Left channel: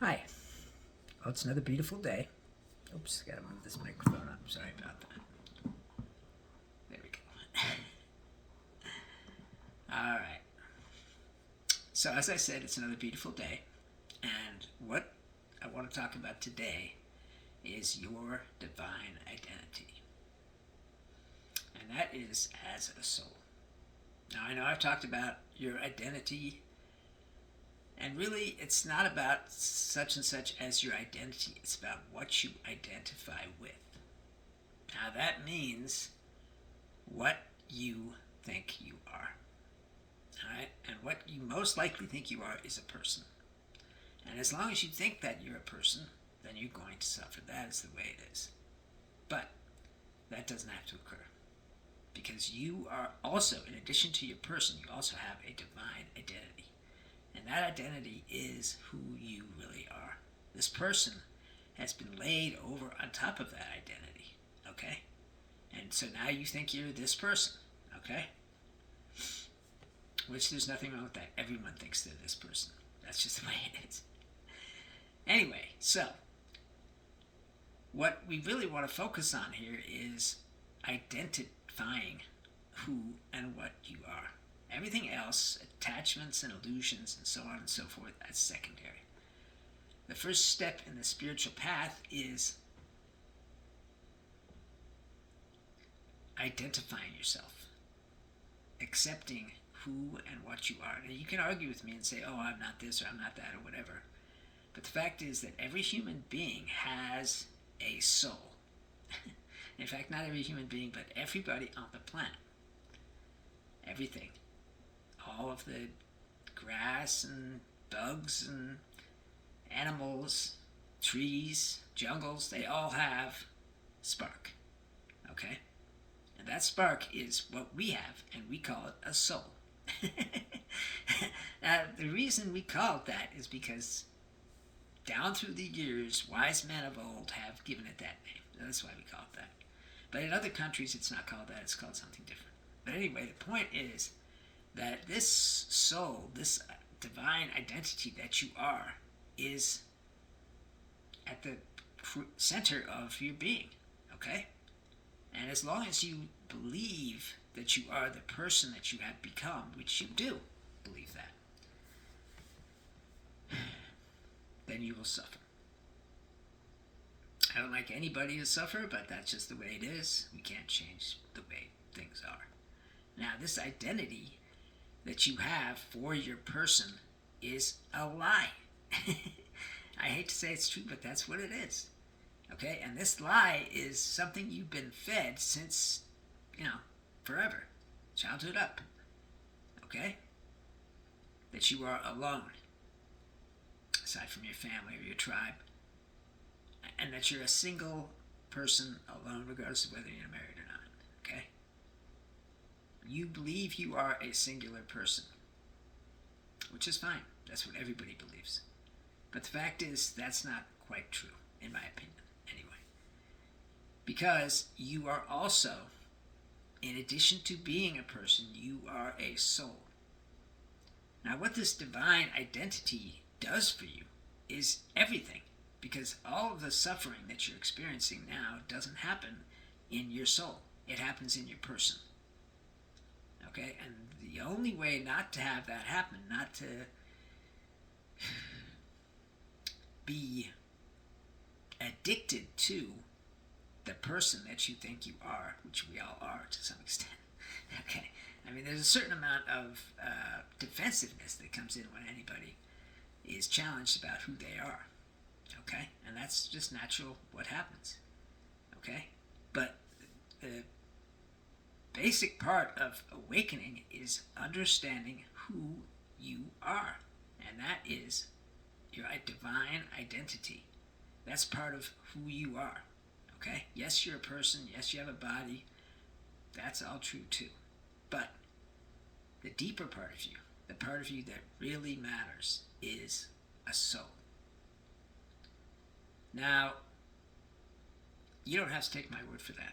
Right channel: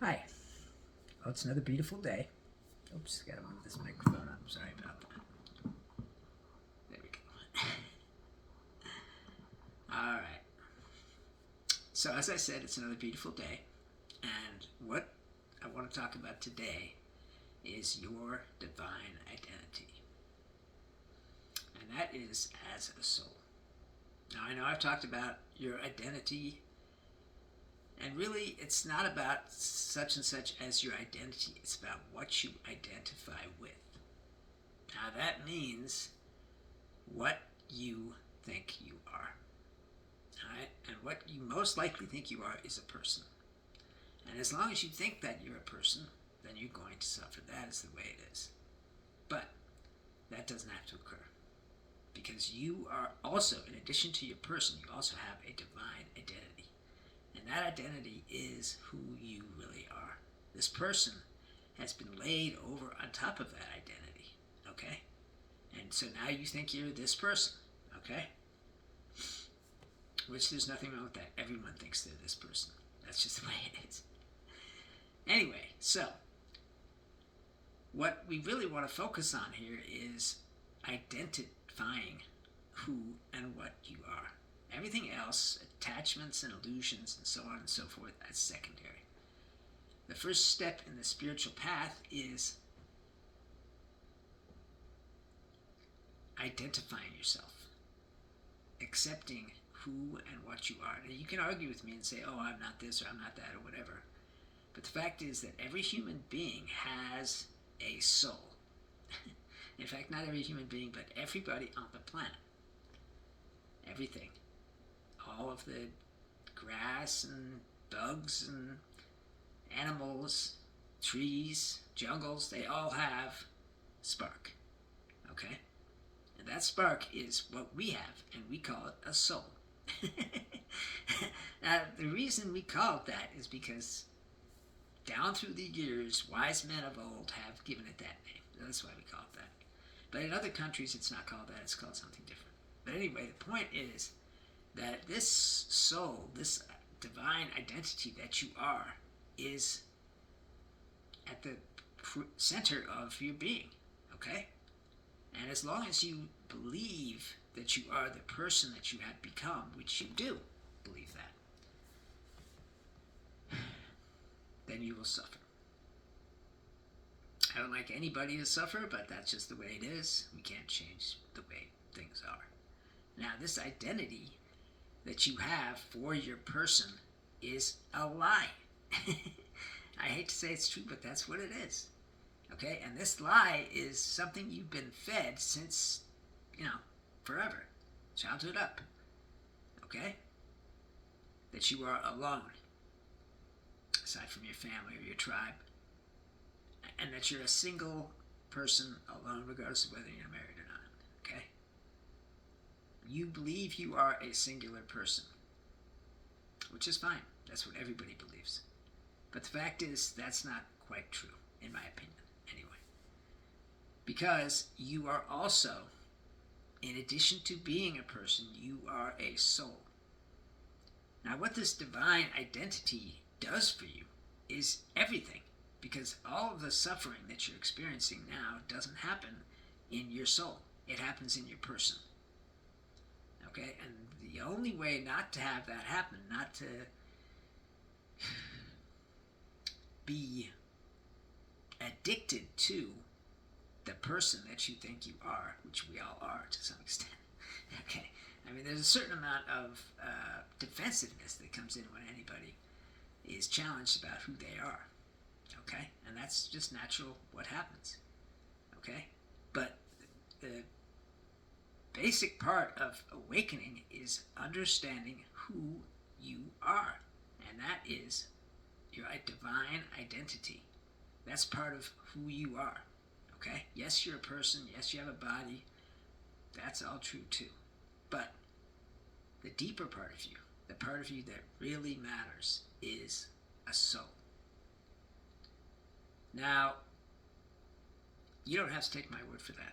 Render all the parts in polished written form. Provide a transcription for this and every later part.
Hi. Well, it's another beautiful day. Oops, gotta move this microphone up. Sorry about that. There we go. All right. So, as I said, it's another beautiful day. And what I want to talk about today is your divine identity. And that is as a soul. Now, I know I've talked about your identity, and really, it's not about such and such as your identity, it's about what you identify with. Now, that means what you think you are. Alright? And what you most likely think you are is a person. And as long as you think that you're a person, then you're going to suffer. That is the way it is. But that doesn't have to occur. Because you are also, in addition to your person, you also have a divine identity. And that identity is who you really are. This person has been laid over on top of that identity. Okay? And so now you think you're this person. Okay? Which there's nothing wrong with that. Everyone thinks they're this person. That's just the way it is. Anyway, so what we really want to focus on here is identifying who and what you are. Everything else, attachments and illusions and so on and so forth, that's secondary. The first step in the spiritual path is identifying yourself, accepting who and what you are. Now, you can argue with me and say, oh, I'm not this or I'm not that or whatever. But the fact is that every human being has a soul. In fact, not every human being, but everybody on the planet. Everything. All of the grass and bugs and animals, trees, jungles, they all have spark. Okay? And that spark is what we have, and we call it a soul. Now, the reason we call it that is because down through the years, wise men of old have given it that name. That's why we call it that. But in other countries, it's not called that. It's called something different. But anyway, the point is that this soul, this divine identity that you are, is at the center of your being. Okay? And as long as you believe that you are the person that you have become, which you do believe that, then you will suffer. I don't like anybody to suffer, but that's just the way it is. We can't change the way things are. Now, this identity that you have for your person is a lie. I hate to say it's true, but that's what it is. Okay? And this lie is something you've been fed since, forever. Childhood up. Okay? That you are alone, aside from your family or your tribe. And that you're a single person alone, regardless of whether you're married or not. Okay? You believe you are a singular person, which is fine. That's what everybody believes. But the fact is, that's not quite true, in my opinion, anyway. Because you are also, in addition to being a person, you are a soul. Now, what this divine identity does for you is everything. Because all of the suffering that you're experiencing now doesn't happen in your soul. It happens in your person. Okay? And the only way not to have that happen, not to be addicted to the person that you think you are, which we all are to some extent. Okay? I mean, there's a certain amount of defensiveness that comes in when anybody is challenged about who they are. Okay? And that's just natural what happens. Okay? But the basic part of awakening is understanding who you are. And that is your divine identity. That's part of who you are. Okay? Yes, you're a person. Yes, you have a body. That's all true too. But the deeper part of you, the part of you that really matters, is a soul. Now, you don't have to take my word for that.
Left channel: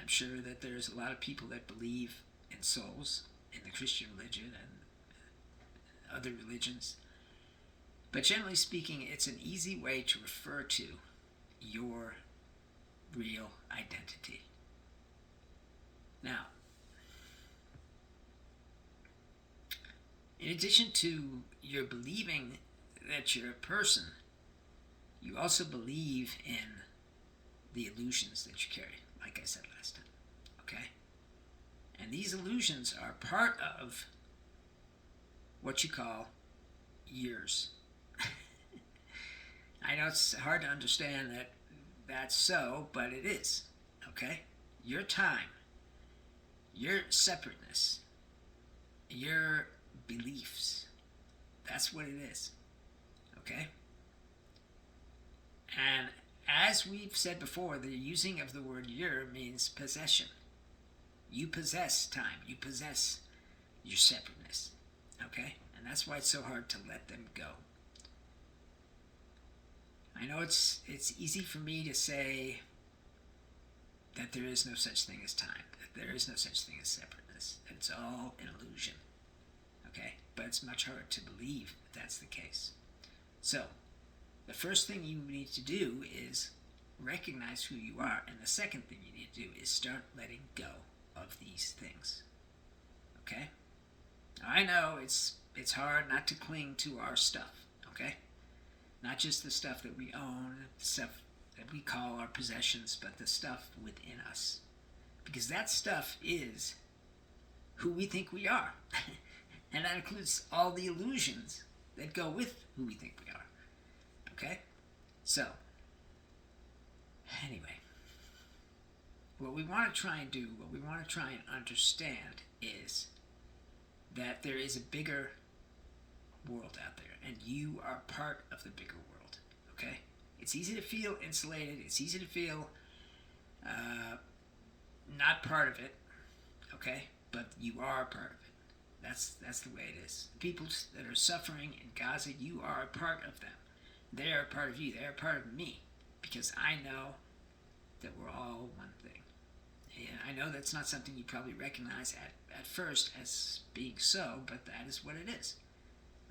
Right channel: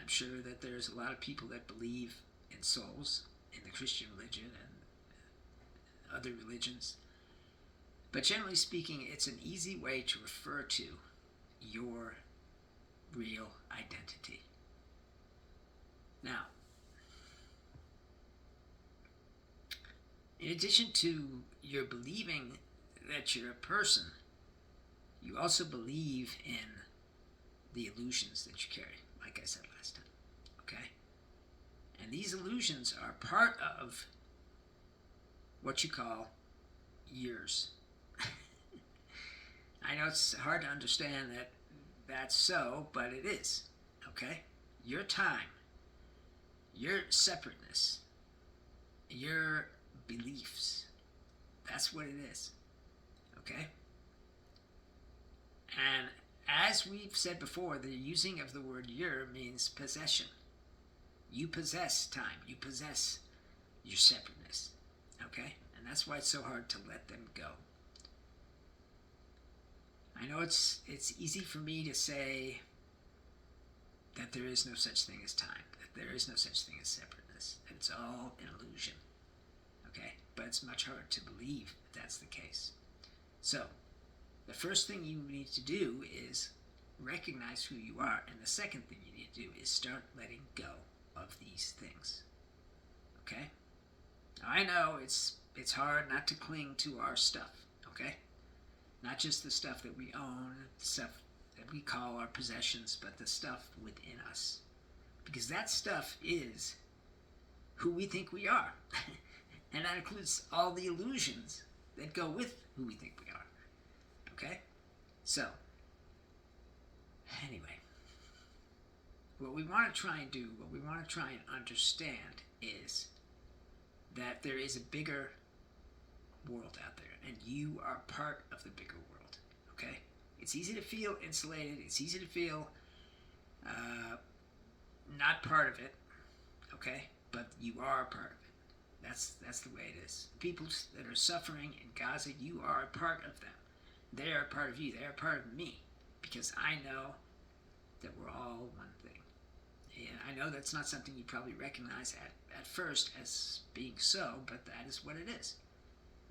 I'm sure that there's a lot of people that believe in souls in the Christian religion and other religions. But generally speaking, it's an easy way to refer to your real identity. Now, in addition to your believing that you're a person, you also believe in the illusions that you carry, like I said last time. Okay? And these illusions are part of what you call years. I know it's hard to understand that that's so, but it is. Okay? Your time, your separateness, your beliefs, that's what it is. Okay? And as we've said before, the using of the word year means possession. You possess time. You possess your separateness. Okay? And that's why it's so hard to let them go. I know it's easy for me to say that there is no such thing as time, that there is no such thing as separateness, that it's all an illusion. Okay? But it's much harder to believe that that's the case. So, the first thing you need to do is recognize who you are, and the second thing you need to do is start letting go of these things. Okay? Now, I know it's hard not to cling to our stuff, okay? Not just the stuff that we own, the stuff that we call our possessions, but the stuff within us. Because that stuff is who we think we are. And that includes all the illusions that go with who we think we are. Okay? So, anyway, what we want to try and do, what we want to try and understand is that there is a bigger world out there, and you are part of the bigger world. Okay? It's easy to feel insulated. It's easy to feel not part of it. Okay? But you are a part of it. That's the way it is. The people that are suffering in Gaza, you are a part of them. They are a part of you. They are a part of me. Because I know that we're all one thing. And I know that's not something you probably recognize at first as being so, but that is what it is.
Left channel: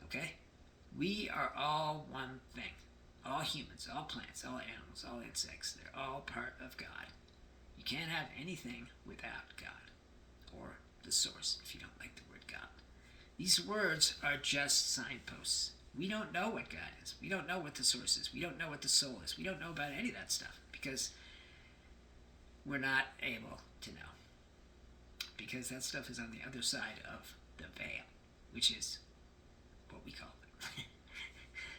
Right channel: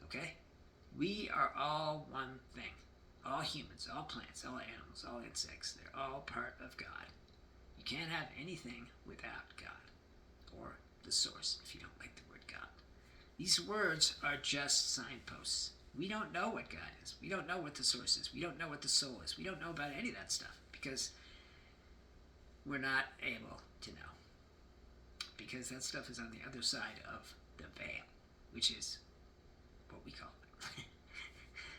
Okay? We are all one thing. All humans, all plants, all animals, all insects. They're all part of God. You can't have anything without God. Or the source, if you don't like the word God. These words are just signposts. We don't know what God is. We don't know what the source is. We don't know what the soul is. We don't know about any of that stuff because we're not able to know. Because that stuff is on the other side of the veil, which is what we call it.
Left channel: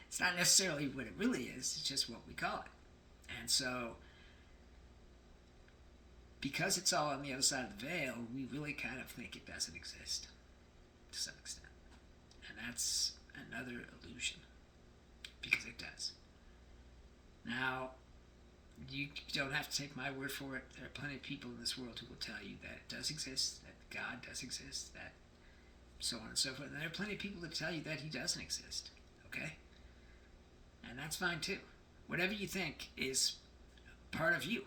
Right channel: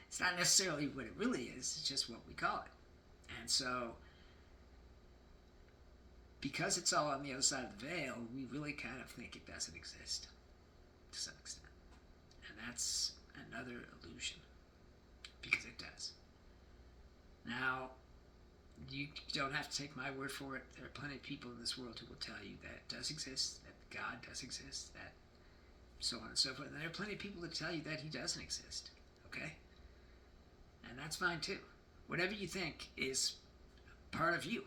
It's not necessarily what it really is, it's just what we call it. And so, because it's all on the other side of the veil, we really kind of think it doesn't exist to some extent. And that's another illusion, because it does. Now, you don't have to take my word for it. There are plenty of people in this world who will tell you that it does exist, that God does exist, that so on and so forth. And there are plenty of people that tell you that he doesn't exist, okay? And that's fine too. Whatever you think is part of you,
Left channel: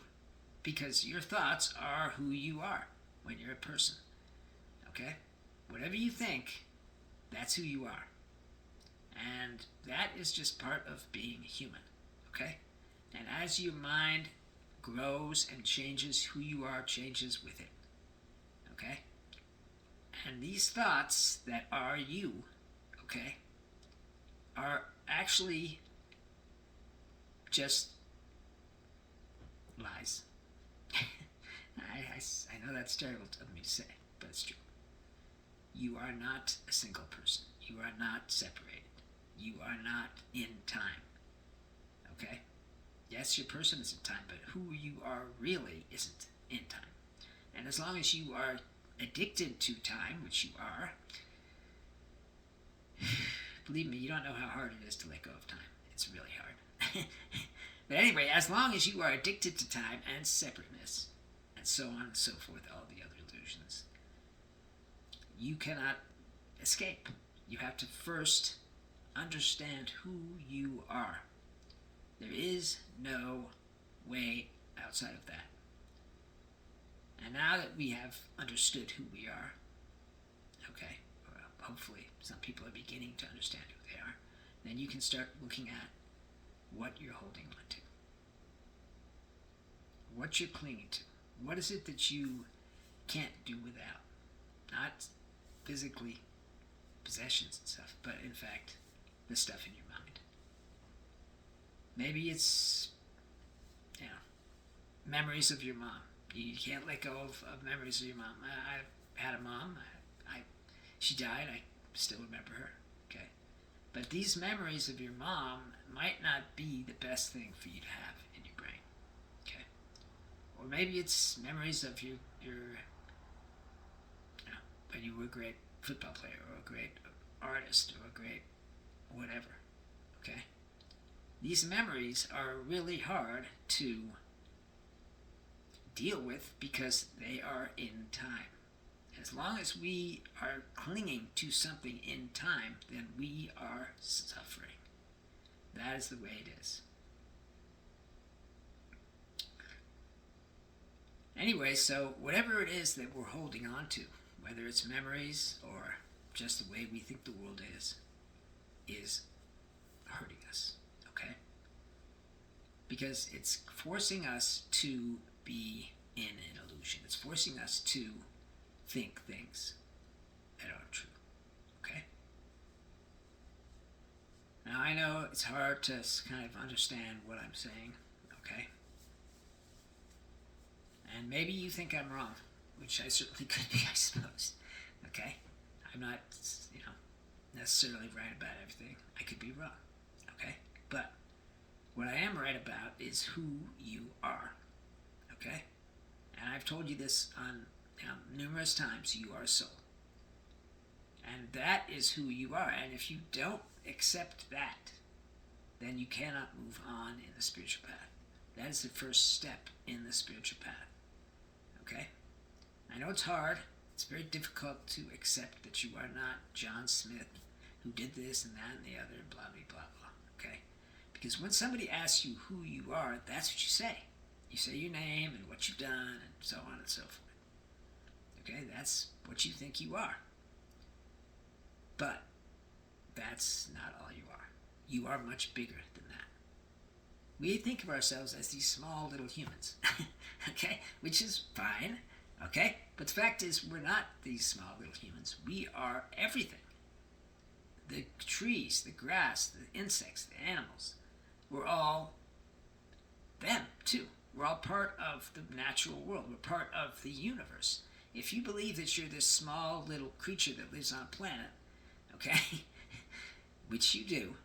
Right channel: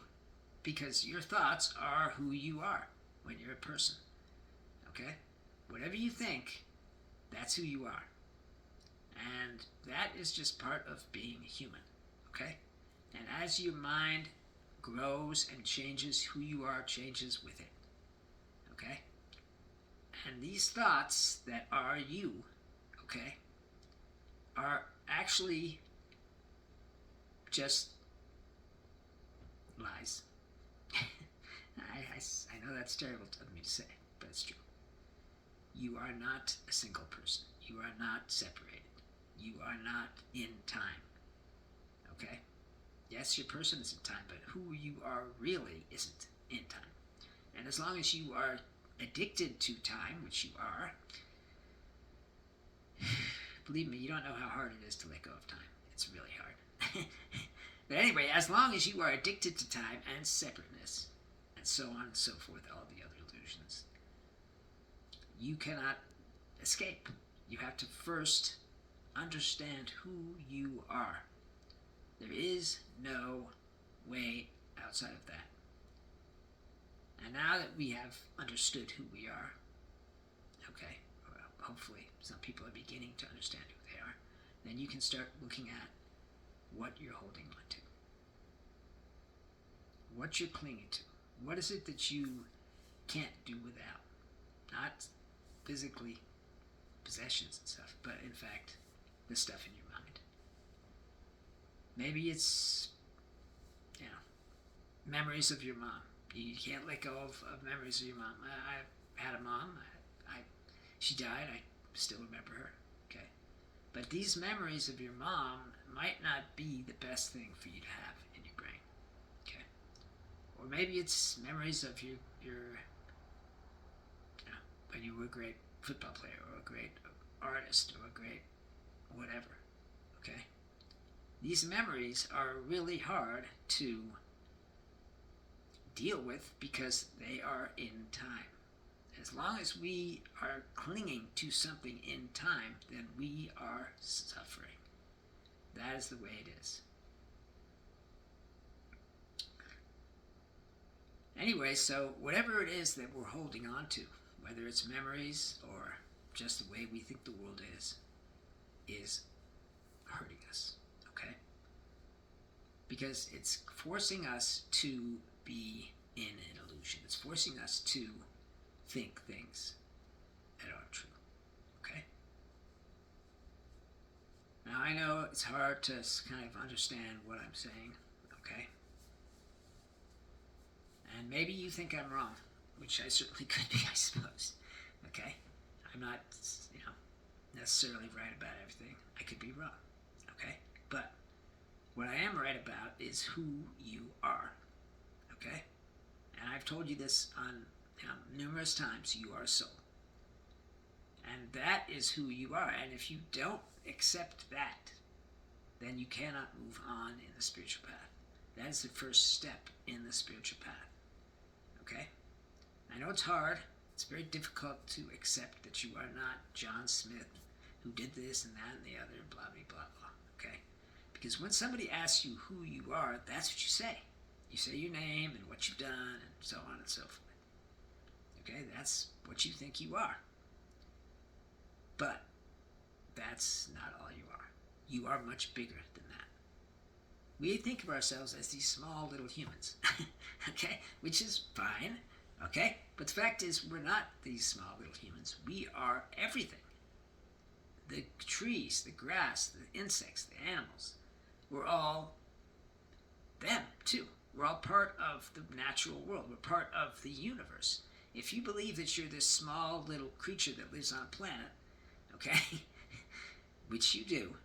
because your thoughts are who you are when you're a person, okay? Whatever you think, that's who you are. And that is just part of being human, okay? And as your mind grows and changes, who you are changes with it, okay? And these thoughts that are you, okay, are actually just lies. I know that's terrible of me to say, but it's true. You are not a single person. You are not separated. You are not in time. Okay? Yes, your person is in time, but who you are really isn't in time. And as long as you are addicted to time, which you are, believe me, you don't know how hard it is to let go of time. It's really hard. But anyway, as long as you are addicted to time and separateness, and so on and so forth, all the other illusions, you cannot escape. You have to first understand who you are. There is no way outside of that. And now that we have understood who we are, okay, well, hopefully some people are beginning to understand who they are. then you can start looking at what you're holding on to, what you're clinging to. What is it that you can't do without? Not physically possessions and stuff, but in fact, the stuff in your mind. Maybe it's, memories of your mom. You can't let go of memories of your mom. I've had a mom. She died. I still remember her. Okay, but these memories of your mom might not be the best thing for you to have in your brain. Okay, or maybe it's memories of your when you were a great football player or a great artist or a great whatever. Okay, these memories are really hard to deal with because they are in time. As long as we are clinging to something in time, then we are suffering. That is the way it is. Anyway, so whatever it is that we're holding on to, whether it's memories or just the way we think the world is hurting us, okay? Because it's forcing us to be in an illusion. It's forcing us to think things that aren't true, okay? Now, I know it's hard to kind of understand what I'm saying, okay? And maybe you think I'm wrong, which I certainly could be, I suppose, okay? I'm not, necessarily right about everything. I could be wrong, okay? But what I am right about is who you are, okay? And I've told you this on numerous times. You are a soul. And that is who you are. And if you don't accept that, then you cannot move on in the spiritual path. That is the first step in the spiritual path. Okay? I know it's hard. It's very difficult to accept that you are not John Smith, who did this and that and the other, and blah, blah, blah, blah. Okay? Because when somebody asks you who you are, that's what you say. You say your name and what you've done and so on and so forth. Okay? That's what you think you are. But that's not all you are. You are much bigger than that. We think of ourselves as these small little humans, okay? Which is fine, okay? But the fact is, we're not these small little humans. We are everything. The trees, the grass, the insects, the animals, we're all them, too. We're all part of the natural world. We're part of the universe. If you believe that you're this small little creature that lives on a planet, okay, which you do,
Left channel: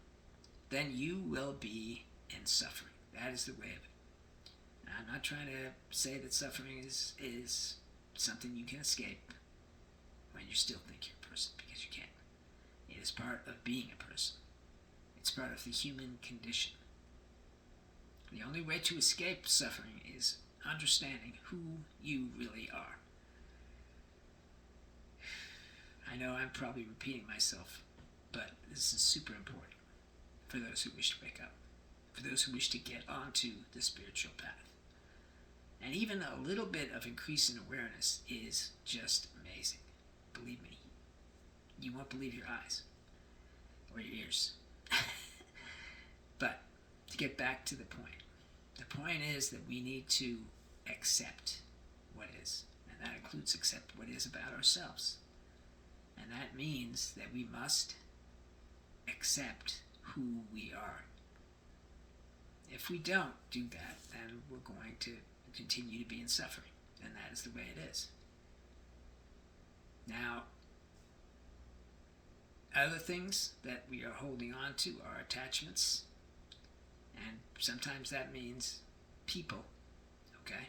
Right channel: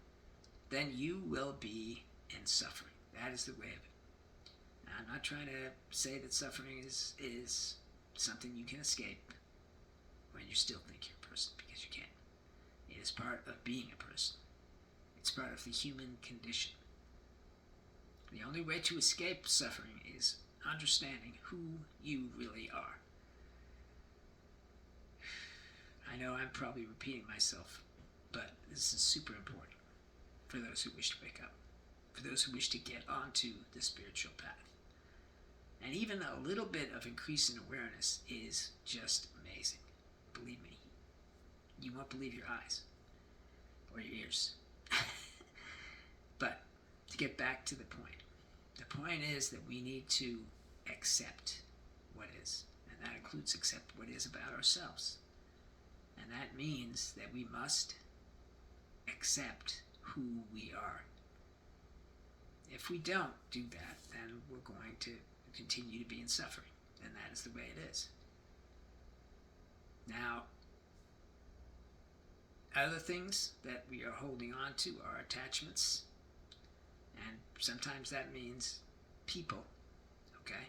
then you will be in suffering. That is the way of it. Now, I'm not trying to say that suffering is something you can escape when you still think you're a person, because you can't. It is part of being a person. It's part of the human condition. The only way to escape suffering is understanding who you really are. I know I'm probably repeating myself, but this is super important for those who wish to wake up, for those who wish to get onto the spiritual path. And even a little bit of increase in awareness is just amazing. Believe me, you won't believe your eyes or your ears. But to get back to the point is that we need to accept what is, and that includes accept what is about ourselves. And that means that we must accept who we are. If we don't do that, then we're going to continue to be in suffering, and that is the way it is. Now, other things that we are holding on to are attachments, and sometimes that means people, okay?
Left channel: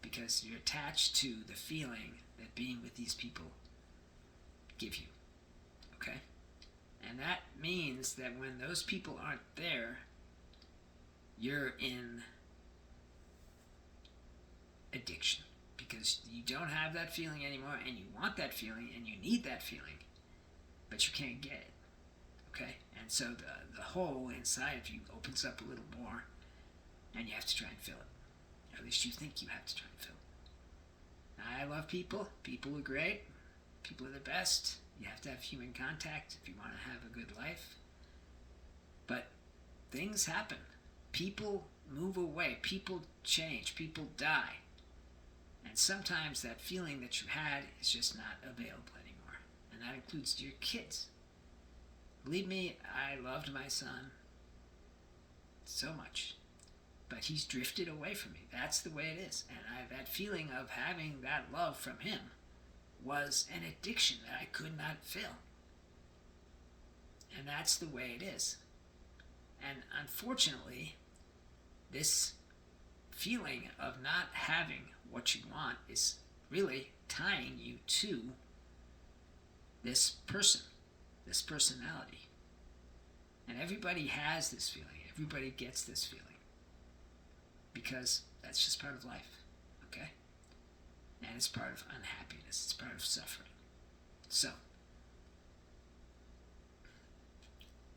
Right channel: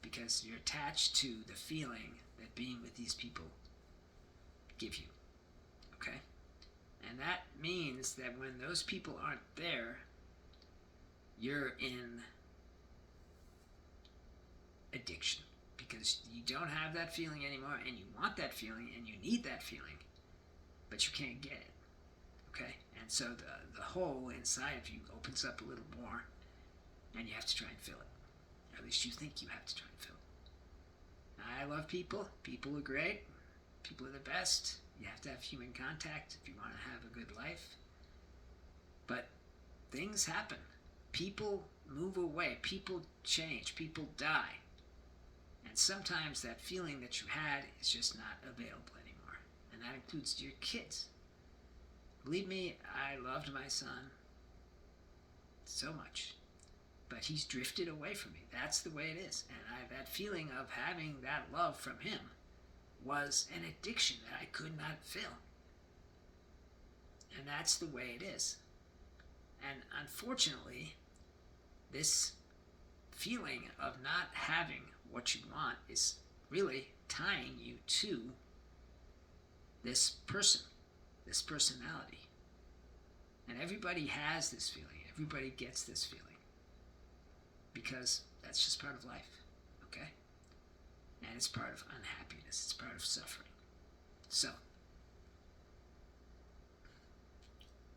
Because you're attached to the feeling that being with these people give you, okay? And that means that when those people aren't there, you're in addiction, because you don't have that feeling anymore, and you want that feeling, and you need that feeling, but you can't get it, okay? And so the hole inside of you opens up a little more, and you have to try and fill it. Or at least you think you have to try and fill it. Now, I love people. People are great. People are the best. You have to have human contact if you want to have a good life. things happen. People move away. People change. People die. And sometimes that feeling that you had is just not available anymore. And that includes your kids. Believe me, I loved my son so much. But he's drifted away from me. That's the way it is. And that feeling of having that love from him was an addiction that I could not fill. And that's the way it is. And unfortunately, this feeling of not having what you want is really tying you to this person, this personality. And everybody has this feeling. Everybody gets this feeling. Because that's just part of life, okay? And it's part of unhappiness. It's part of suffering. So,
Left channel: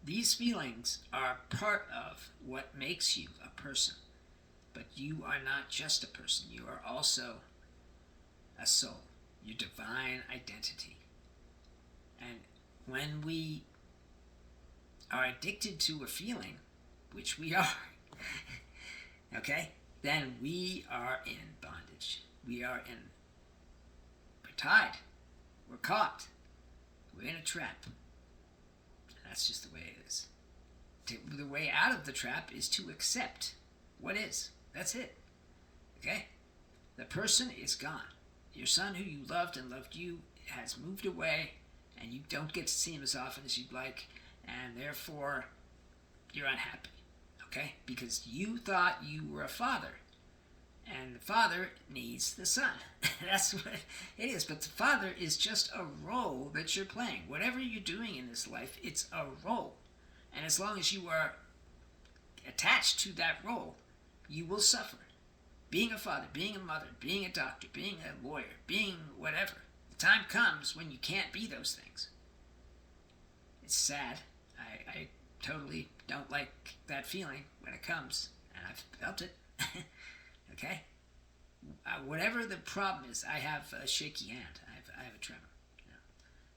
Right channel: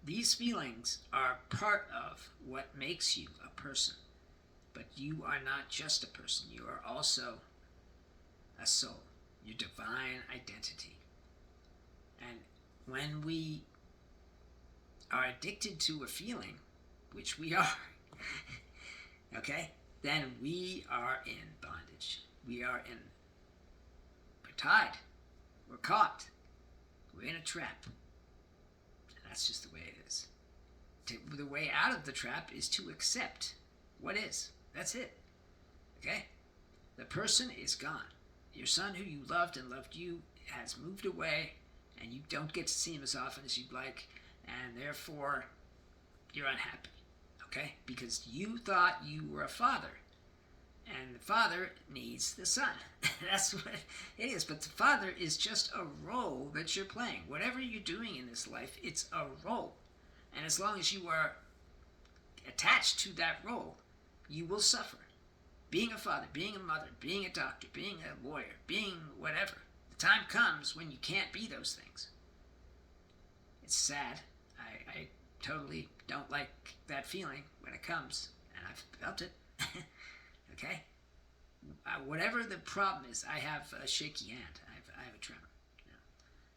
these feelings are part of what makes you a person. But you are not just a person. You are also a soul, your divine identity. And when we are addicted to a feeling, which we are, okay, then we are in bondage. We're tied. We're caught. We're in a trap. And that's just the way it is. The way out of the trap is to accept what is. That's it. Okay? The person is gone. Your son who you loved and loved you has moved away, and you don't get to see him as often as you'd like, and therefore you're unhappy. Okay? Because you thought you were a father, and the father needs the son. That's what it is. But the father is just a role that you're playing. Whatever you're doing in this life, it's a role. And as long as you are attached to that role, you will suffer. Being a father, being a mother, being a doctor, being a lawyer, being whatever. The time comes when you can't be those things. It's sad. I totally don't like that feeling when it comes, and I've felt it. Okay? Whatever the problem is, I have a shaky hand. I have a tremor. You know?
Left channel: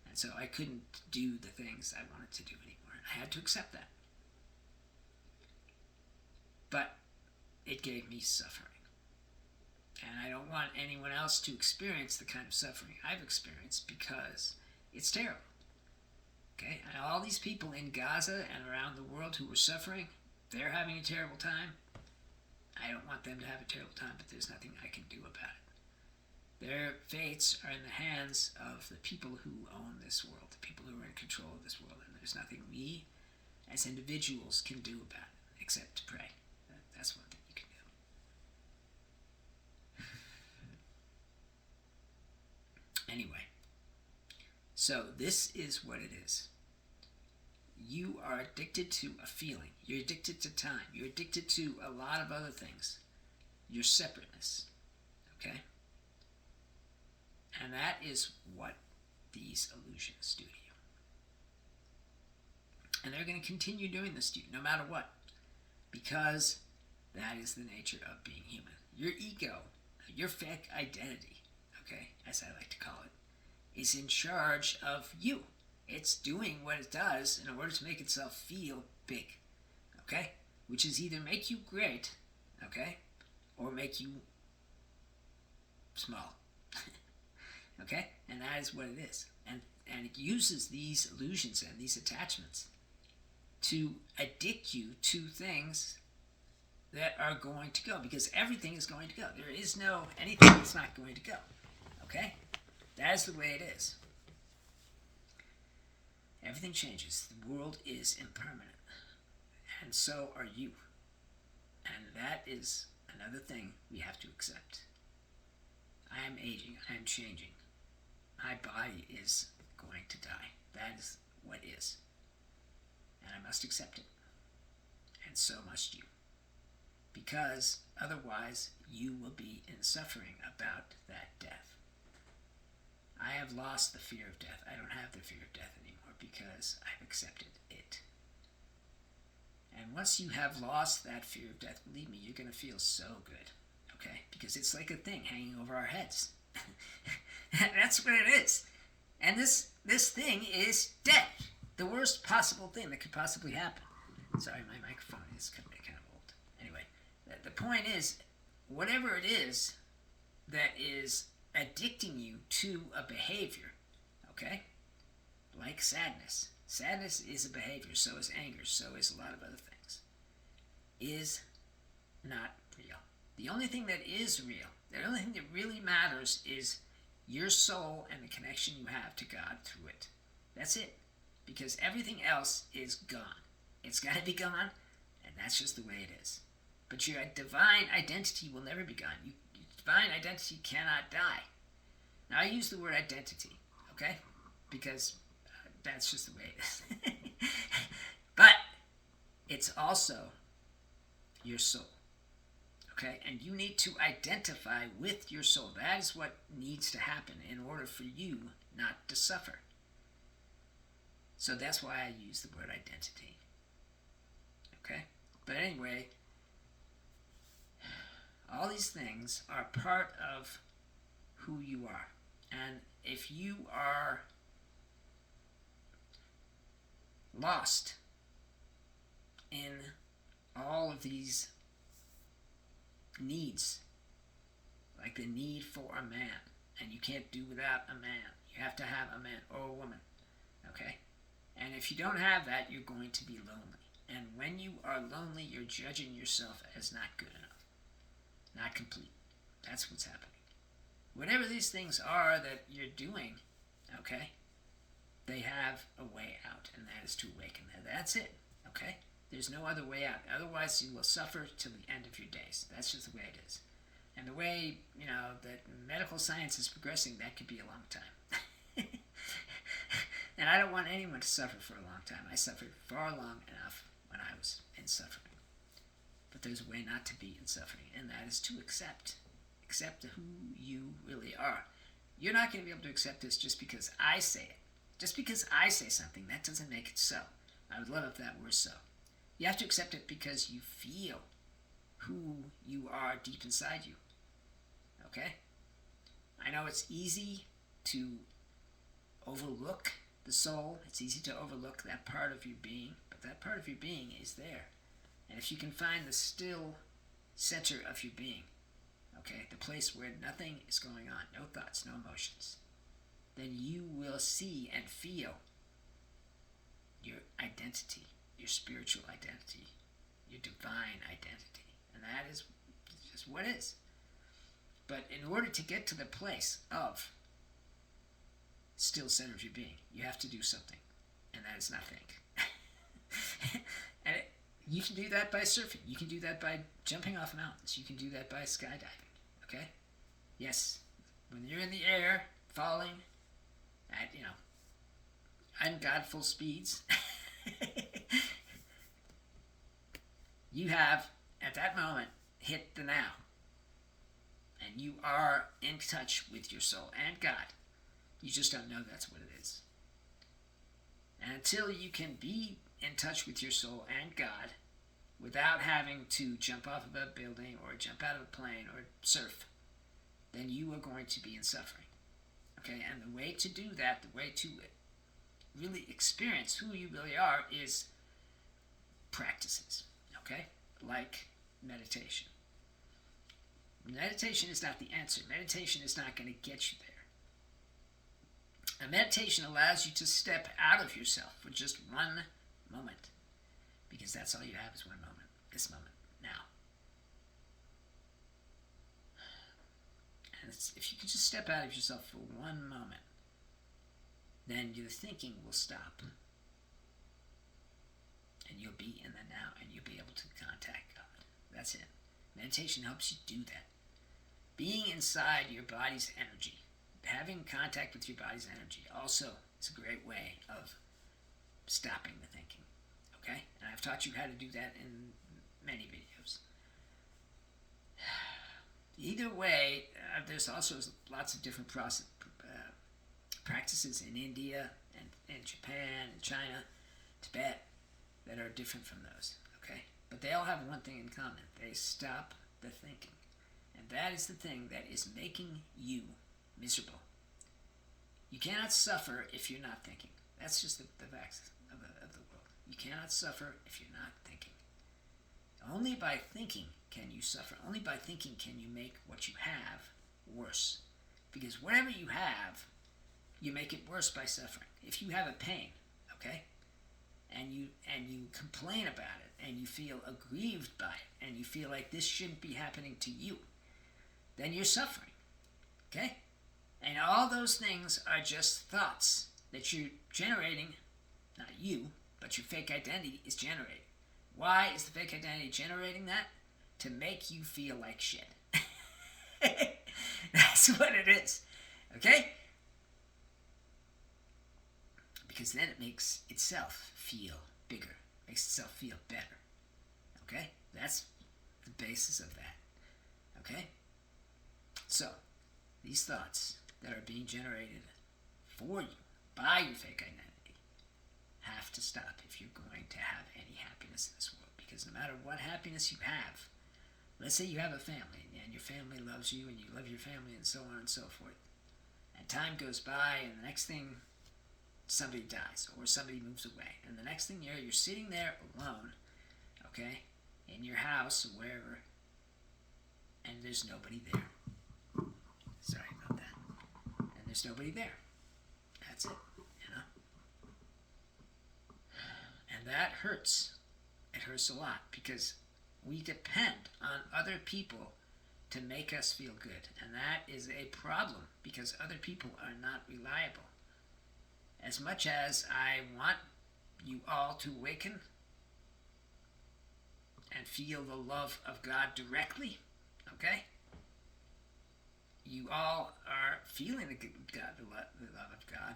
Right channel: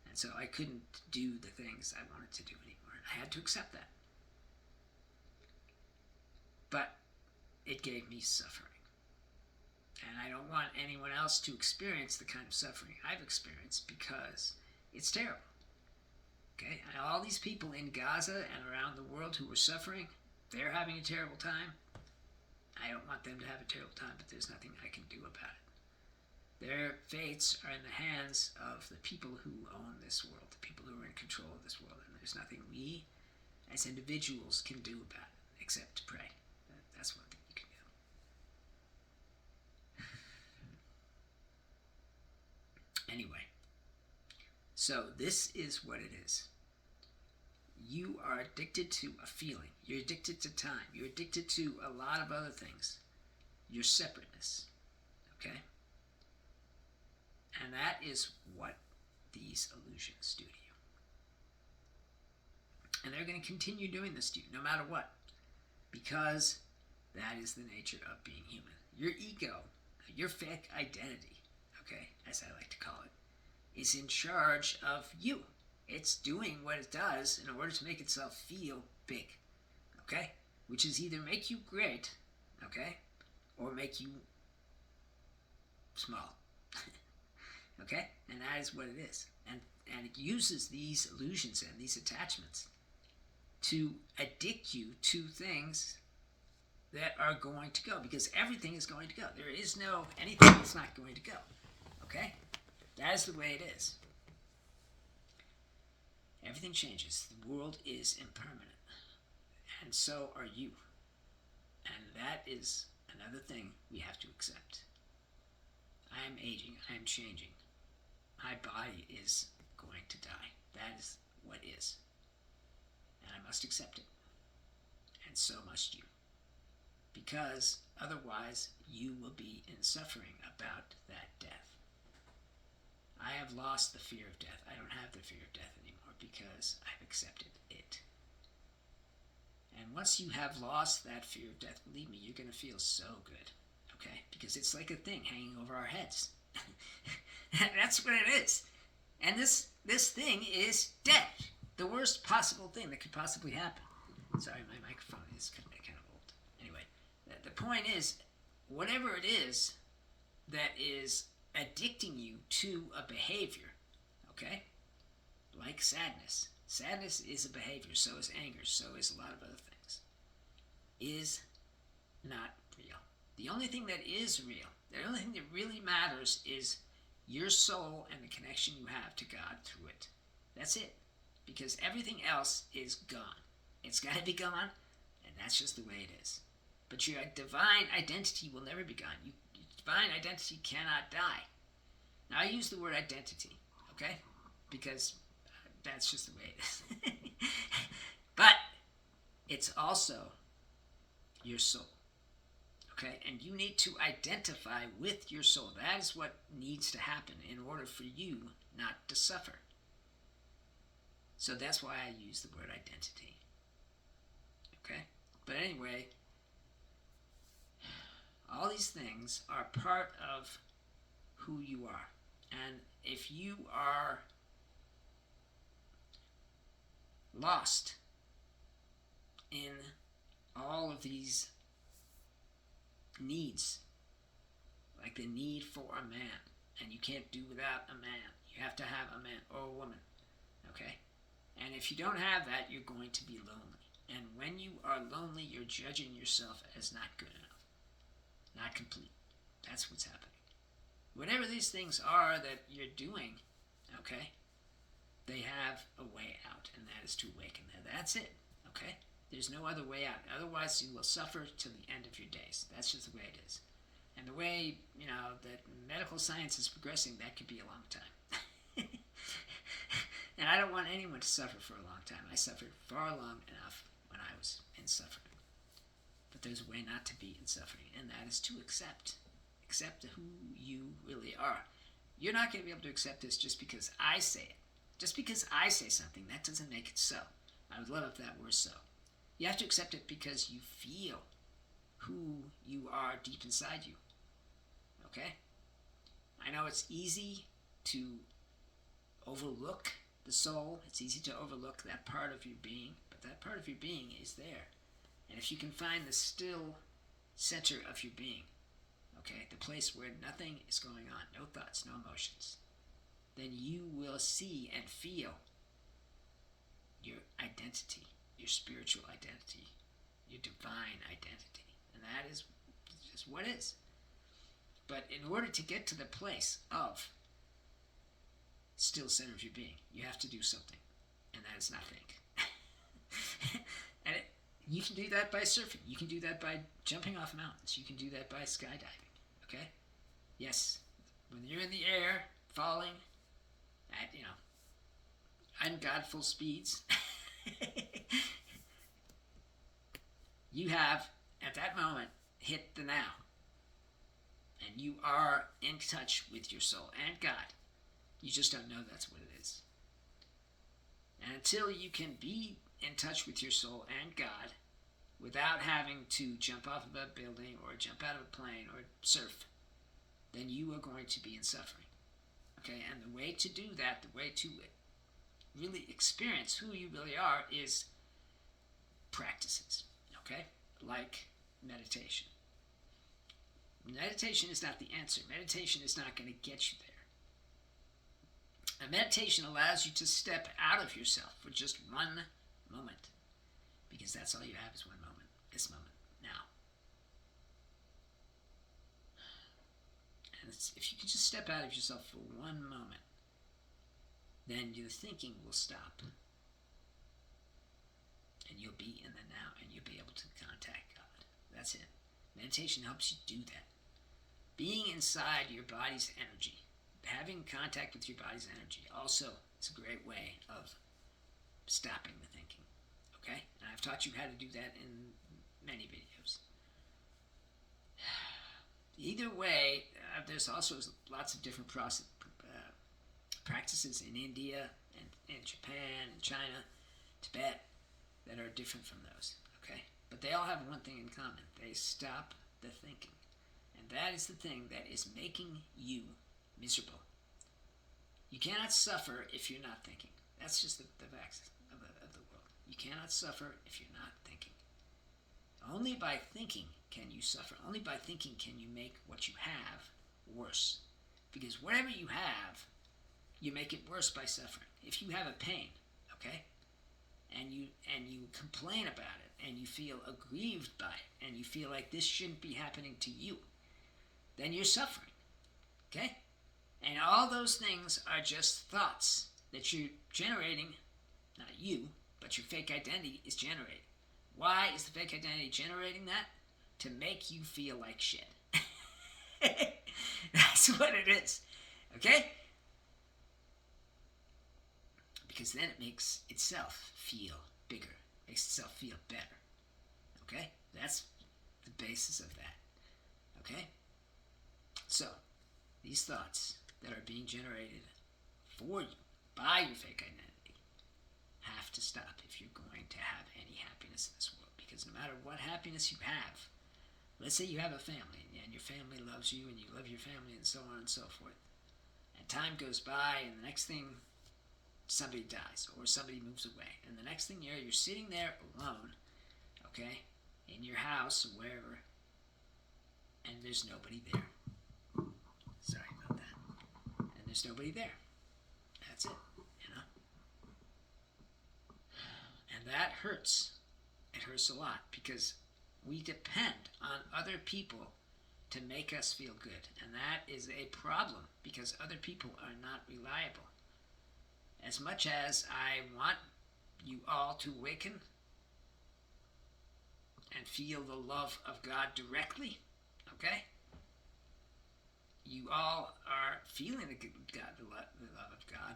And so I couldn't do the things I wanted to do anymore. I had to accept that. But it gave me suffering. And I don't want anyone else to experience the kind of suffering I've experienced, because it's terrible. Okay? And all these people in Gaza and around the world who are suffering, they're having a terrible time. I don't want them to have a terrible time, but there's nothing I can do about it. Their fates are in the hands of the people who own this world, the people who are in control of this world, and there's nothing we as individuals can do about it except to pray. That's one thing you can do. Anyway, so this is what it is. You are addicted to a feeling. You're addicted to time. You're addicted to a lot of other things. Your separateness. Okay? And that is what these illusions do to you. And they're going to continue doing this to you, no matter what. Because that is the nature of being human. Your ego, your fake identity, okay, as I like to call it, is in charge of you. It's doing what it does in order to make itself feel big, okay? Which is either make you great, okay, or make you small, okay? And that is what it is. And it uses these illusions and these attachments to addict you to things that are going to go, because everything is going to go. There is no anything that's not going to go, okay? That is the way it is. Everything changes. The world is impermanent. And so are you. And that is another thing we have to accept. I am aging. I am changing. My body is going to die. That is what is. And I must accept it. And so must you. Because otherwise you will be in suffering about that death. I have lost the fear of death. I don't have the fear of death anymore because I've accepted it. And once you have lost that fear of death, believe me, you're going to feel so good, okay? Because it's like a thing hanging over our heads. That's what it is. And this thing is death. The worst possible thing that could possibly happen. Sorry, my microphone is kind of old. Anyway, the point is, whatever it is that is addicting you to a behavior, okay, like sadness. Sadness is a behavior, so is anger, so is a lot of other things, is not real. The only thing that is real, the only thing that really matters is your soul and the connection you have to God through it. That's it. Because everything else is gone. It's got to be gone, and that's just the way it is. But your divine identity will never be gone. Your divine identity cannot die. Now, I use the word identity, okay? Because that's just the way it is. But it's also your soul, okay? And you need to identify with your soul. That is what needs to happen in order for you not to suffer. So that's why I use the word identity. Okay? But anyway, all these things are part of who you are. And if you are lost in all of these needs, like the need for a man, and you can't do without a man, you have to have a man or a woman, okay? And if you don't have that, you're going to be lonely. And when you are lonely, you're judging yourself as not good enough, not complete. That's what's happening. Whatever these things are that you're doing, okay, they have a way out, and that is to awaken. That's it, okay? There's no other way out. Otherwise, you will suffer till the end of your days. That's just the way it is. And the way, that medical science is progressing, that could be a long time. And I don't want anyone to suffer for a long time. I suffered far long enough when I was in suffering. But there's a way not to be in suffering, and that is to accept who you really are. You're not going to be able to accept this just because I say it. Just because I say something, that doesn't make it so. I would love if that were so. You have to accept it because you feel who you are deep inside you. Okay? I know it's easy to overlook the soul. It's easy to overlook that part of your being, but that part of your being is there. And if you can find the still center of your being, okay, the place where nothing is going on, no thoughts, no emotions, then you will see and feel your identity, your spiritual identity, your divine identity. And that is just what is. But in order to get to the place of still center of your being, you have to do something. And that is not think. And you can do that by surfing. You can do that by jumping off mountains. You can do that by skydiving. Okay? Yes. When you're in the air, falling at, ungodful speeds, you have, at that moment, hit the now. And you are in touch with your soul and God. You just don't know that's what it is. And until you can be in touch with your soul and God without having to jump off of a building or jump out of a plane or surf, then you are going to be in suffering. Okay, and the way to do that, the way to really experience who you really are is practices, okay? Like meditation. Meditation is not the answer. Meditation is not going to get you there. And meditation allows you to step out of yourself for just one moment. Because that's all you have is one moment. This moment. Now. And if you can just step out of yourself for one moment, then your thinking will stop. And you'll be in the now, and you'll be able to contact God. That's it. Meditation helps you do that. Being inside your body's energy, having contact with your body's energy, also is a great way of stopping the thinking. Okay? And I've taught you how to do that in many videos. Either way, there's also lots of different practices in India and in Japan and China, Tibet, that are different from those. Okay? But they all have one thing in common. They stop the thinking. And that is the thing that is making you miserable. You cannot suffer if you're not thinking. That's just the facts of the world. You cannot suffer if you're not thinking. only by thinking can you suffer. Only by thinking can you make what you have worse. Because whatever you have, you make it worse by suffering. If you have a pain, okay, and you complain about it, and you feel aggrieved by it, and you feel like this shouldn't be happening to you, then you're suffering, okay? And all those things are just thoughts that you're generating, not you, but your fake identity is generating. Why is the fake identity generating that? To make you feel like shit. That's what it is, okay? Because then it makes itself feel bigger, makes itself feel better, okay? That's the basis of that, okay? So, these thoughts that are being generated for you by your fake identity have to stop if you're going to have any happiness in this world. Because no matter what happiness you have, let's say you have a family and your family loves you and you love your family and so on and so forth, and time goes by and the next thing somebody dies or somebody moves away, and the next thing you're sitting there alone, okay, in your house or wherever, and there's nobody there. Sorry about that. And there's nobody there. That's it, you know. And that hurts. It hurts a lot because we depend on other people to make us feel good. And that is a problem because other people are not reliable. As much as I want you all to awaken and feel the love of God directly, okay? You all are feeling the love of God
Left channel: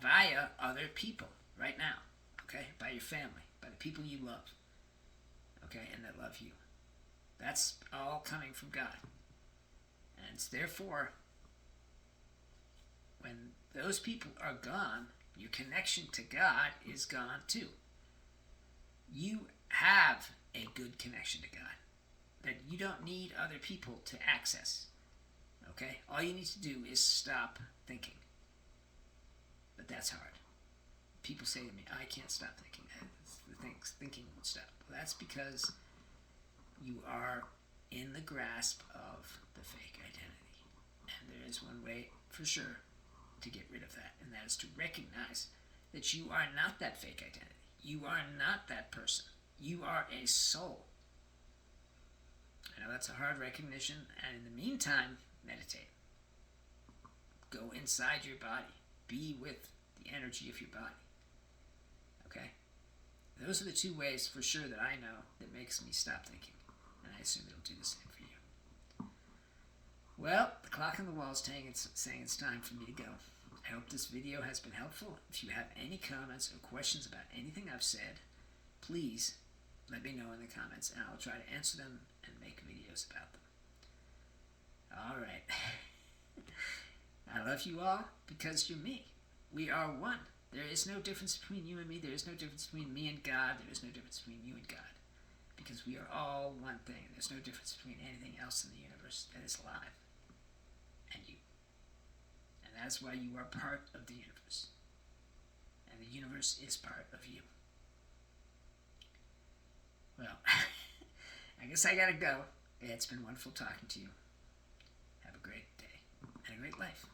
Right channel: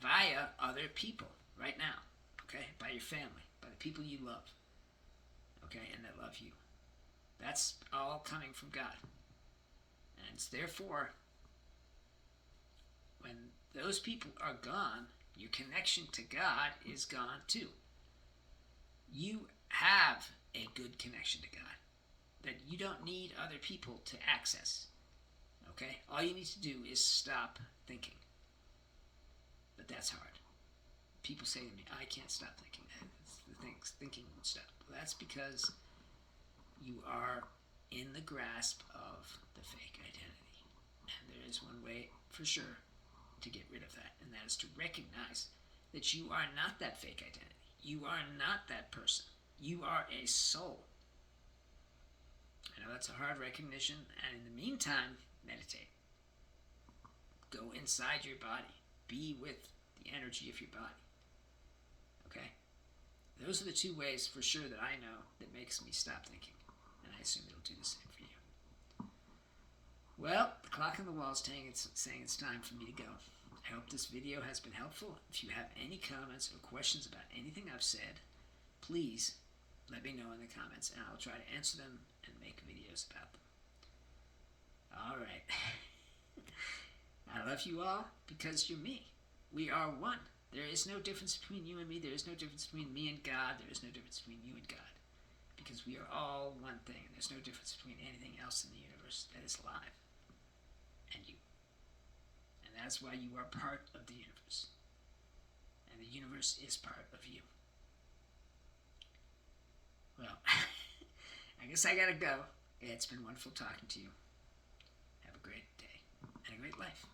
via other people right now, okay? By your family, by the people you love, okay, and that love you. That's all coming from God. And it's therefore, when those people are gone, your connection to God is gone too. You have a good connection to God that you don't need other people to access. Okay? All you need to do is stop thinking. But that's hard. People say to me, I can't stop thinking. Thinking won't stop. Well, that's because you are in the grasp of the fake identity. And there is one way for sure to get rid of that, and that is to recognize that you are not that fake identity. You are not that person. You are a soul. I know that's a hard recognition, and in the meantime, meditate. Go inside your body. Be with the energy of your body. Okay? Those are the two ways for sure that I know that makes me stop thinking, and I assume it'll do the same for you. Well, the clock on the wall is saying it's time for me to go. I hope this video has been helpful. If you have any comments or questions about anything I've said, please let me know in the comments, and I'll try to answer them and make videos about them. All right. I love you all because you're me. We are one. There is no difference between you and me. There is no difference between me and God. There is no difference between you and God. Because we are all one thing. There's no difference between anything else in the universe that is alive and you. And that's why you are part of the universe. And the universe is part of you. Well, I guess I gotta go. It's been wonderful talking to you. Have a great day and a great life.